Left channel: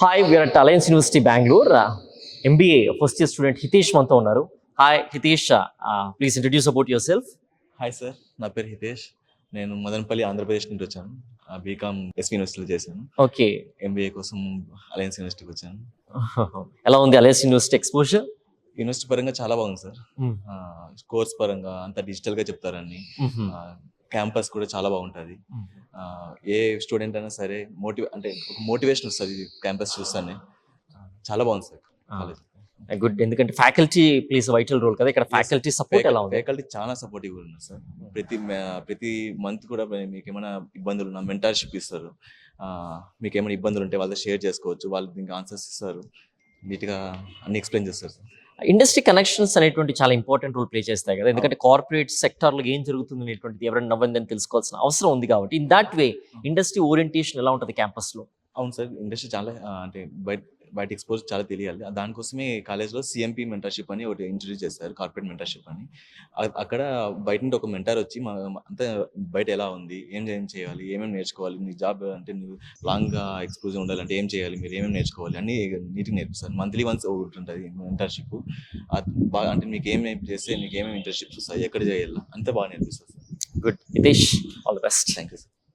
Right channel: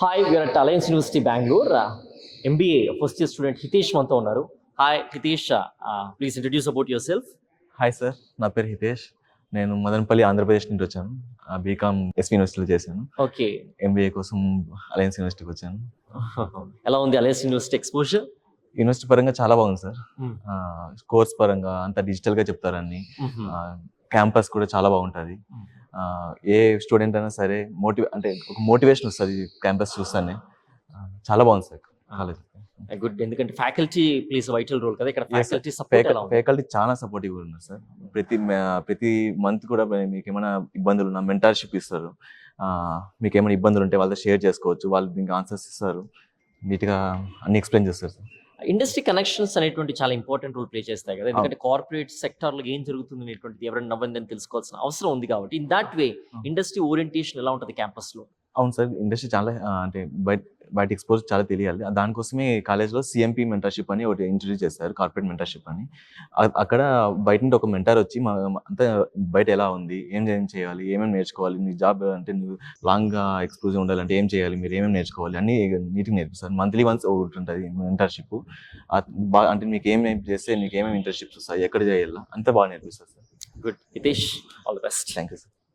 Hi, we are at Alliance University, Bangalore. MBA first year student Hitesh మనతో ఉన్నారు. Hi, Hitesh. Please introduce about yourself. Hi sir, నా పేరు హితేష్. నేను మదనపల్లి ఆంధ్రప్రదేశ్ నుండి వచ్చాను. బీకామ్ ఎస్వి యూనివర్సిటీలో చేశాను. ఓకే. ఎంబీఏ కోసం అలయన్స్ యూనివర్సిటీకి వచ్చాను. ఎలా ఉంది అలయన్స్ యూనివర్సిటీ ఎక్స్పోజర్? యూనివర్సిటీ పరంగా చాలా బాగుంది సార్. కోర్స్ పరంగా అంతా డిజిటల్గా చెప్తారని, క్యాంపస్ కూడా చాలా బాగుంటుంది. ఏ స్టూడెంట్ అయినా సరే అంటే ఒక మోటివేషన్ వస్తుంది క్యాంపస్ చూస్తానే. చాలా బాగుంది సార్ కాలేజ్. గుడ్, ఎందుకంటే ఫ్యాకల్టీ ప్లేస్ వైటల్ రోల్ కదా ఇక్కడ. ఫ్యాకల్టీ సపోర్ట్ ఎలా ఉంది? ఫ్యాకల్టీ చాలా సపోర్టివ్ ఉన్నారు సార్. ప్రతి మంత్ కూడా మీకు ఏమైనా ఇబ్బందులు ఉన్నా మెంటర్షిప్ ఇస్తారు. మీకు ఏమైనా ఇబ్బందులు ఉంటే వాళ్ళతో షేర్ చేసుకోవచ్చు. వాళ్ళు దీనికి ఆన్సర్స్ ఇస్తారు, నీట్గా అన్ని ఎక్స్ప్లెయిన్ చేస్తారు సార్. ఇండస్ట్రీ కనెక్షన్స్ అనేటువంటి చాలా ఇంపార్టెంట్ రోల్ ప్లే చేస్తాయి కదా, ఎందుకంటే కార్పొరేట్ సెక్టార్లో ఏం జరుగుతుంది అనేటువంటిది ఎవరైనా నవ్వందని తెలుసుకోవాల్సిన అవసరం ఉంది కాబట్టి in that way industry orientation ఎలా ఉంటుంది క్యాంపస్లో? అవును సార్, ఇండస్ట్రీ చాలా అంటే బయట ఎక్స్పోజ్ చాలా తెలియాలి. దానికోసమే కాలేజ్లో సిఎంపీ మెంటర్షిప్ అని ఒకటి ఇంట్రడ్యూస్ చేస్తారు, కార్పొరేట్ మెంటర్షిప్ అని. అక్కడ బయట నుండి ఒక మెంటర్ వచ్చి అంతా బయట ఎలా ఉంది, ఏం చేయాలి, ఏమేమి నేర్చుకోవాలి, నీ జాబ్ అంటే నువ్వు లాంగ్గా ఎక్స్పోజ్ ఉండాలంటే ఏం చేయాలి, మీరు ఏమేమి నేర్చుకోవాలి అన్నీ నీట్గా నేర్పిస్తారు. మంత్లీ వన్స్ ఒకటి ఉంటుంది మెంటర్షిప్. అంటే మీకు ఏమేమి చేస్తే నీకు ఏమేమి ఇంటర్న్షిప్స్ వస్తాయి, ఎక్కడ చేయాలి, అంతా బాగా నేర్పిస్తారు sir. Good Hitesh, all the best. Thank you sir.